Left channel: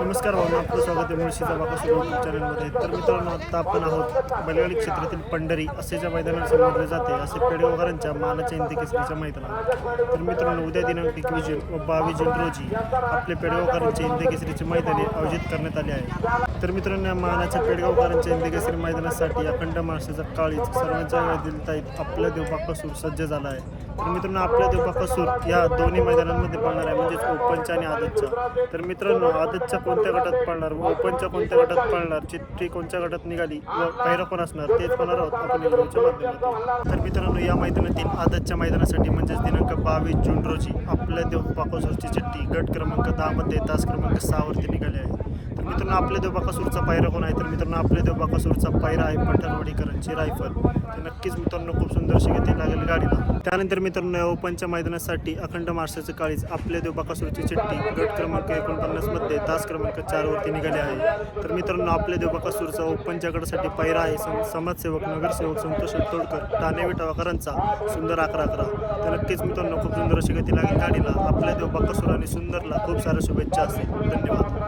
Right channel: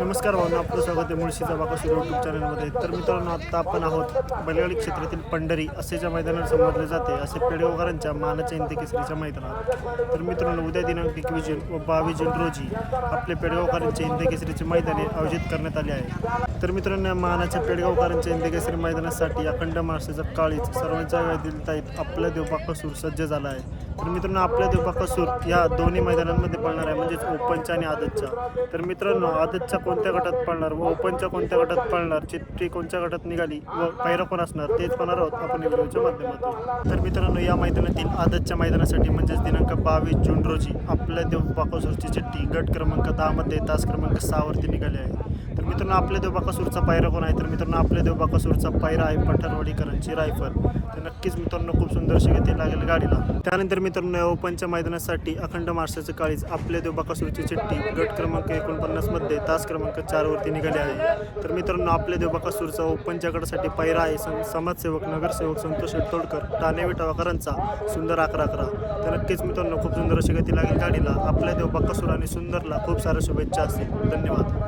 नमस्कार भावना, आपलं स्वागत आहे मुळशीचा बाकासूर यूट्यूब चॅनलमध्ये. तर मित्रांनो, आत्ता आपण आहोत बैलगाडी क्षेत्रातील पंढरी असे ज्या मैदानात समजले जाते असे पेडगावकरांच्या मानाच्या हिंदी केसरीच्या मैदानात. तर मित्रांनो, उद्या दिनांक 21 जून व 22 जून रोजी आपले पेडगावकरांचे हिंदी केसरीचे मैदाने आयोजित करण्यात आले आहे. तर मित्रांनो, मानाच्या पेडगावकरांच्या हिंदी केसरी मैदानासाठी अखंड महाराष्ट्राचा काळीज सर्वांच्या गाडीतील ताईत आपला देव बाकासूर सज्ज झाला आहे. तर मित्रांनो, आपल्या देव बाकासूर या दोन्ही मैदानांमध्ये पळणार आहे, म्हणजेच ओपनच्या आणि आदतच्या. तर मित्रांनो, आदतच्या कोणत्या गटात पळणार व ओपनच्या कोणत्या गटात पळणार, चिठ्ठी कोणत्या गटात निघाली व पैरा कोण असणार तेच पाहणार आहोत आपण व्हिडिओच्या माध्यमातून. तर मित्रांनो, या मैदानातील आदतच्या मैदानासाठी म्हणजेच दिनांक 22 जून रोजी आपल्या देव बाकासूरची चिठ्ठी गट क्रमांक 10 मध्ये तास क्रमांक 6 वरती निघाली आहे. तर मित्रांनो, आपल्या देव बाकासूरचा पायरा कोण आहे? तर मित्रांनो, आपल्या देव बाकासूरचा पायरा आहे पठाणवाडीकरांची रायफल. तर नक्कीच मित्रांनो, खूप सुंदर अशी गती लागेल गाडीला. त्यानंतर मित्रांनो, ओपनच्या मैदानासाठी अखंड महाराष्ट्राचे काळीज आपल्या देव बाकासूरची चिठ्ठी गट क्रमांक 49 मध्ये तास क्रमांक 4 वरती निघाली आहे. तर मित्रांनो, आपल्या देव बाकासूरचा ओपनच्या गटासाठी पायरा आहे समाजसेवक नगरसेवक संतोष तोडकर ठाणे विटावाकरांचा सुंदर 11-11. तर नक्कीच मित्रांनो, खूप सुंदर अशी गती लागेल गाडीला. आपल्या देव बाकासूर आणि सुंदरला खूप साऱ्या शुभेच्छा असतील. धन्यवाद.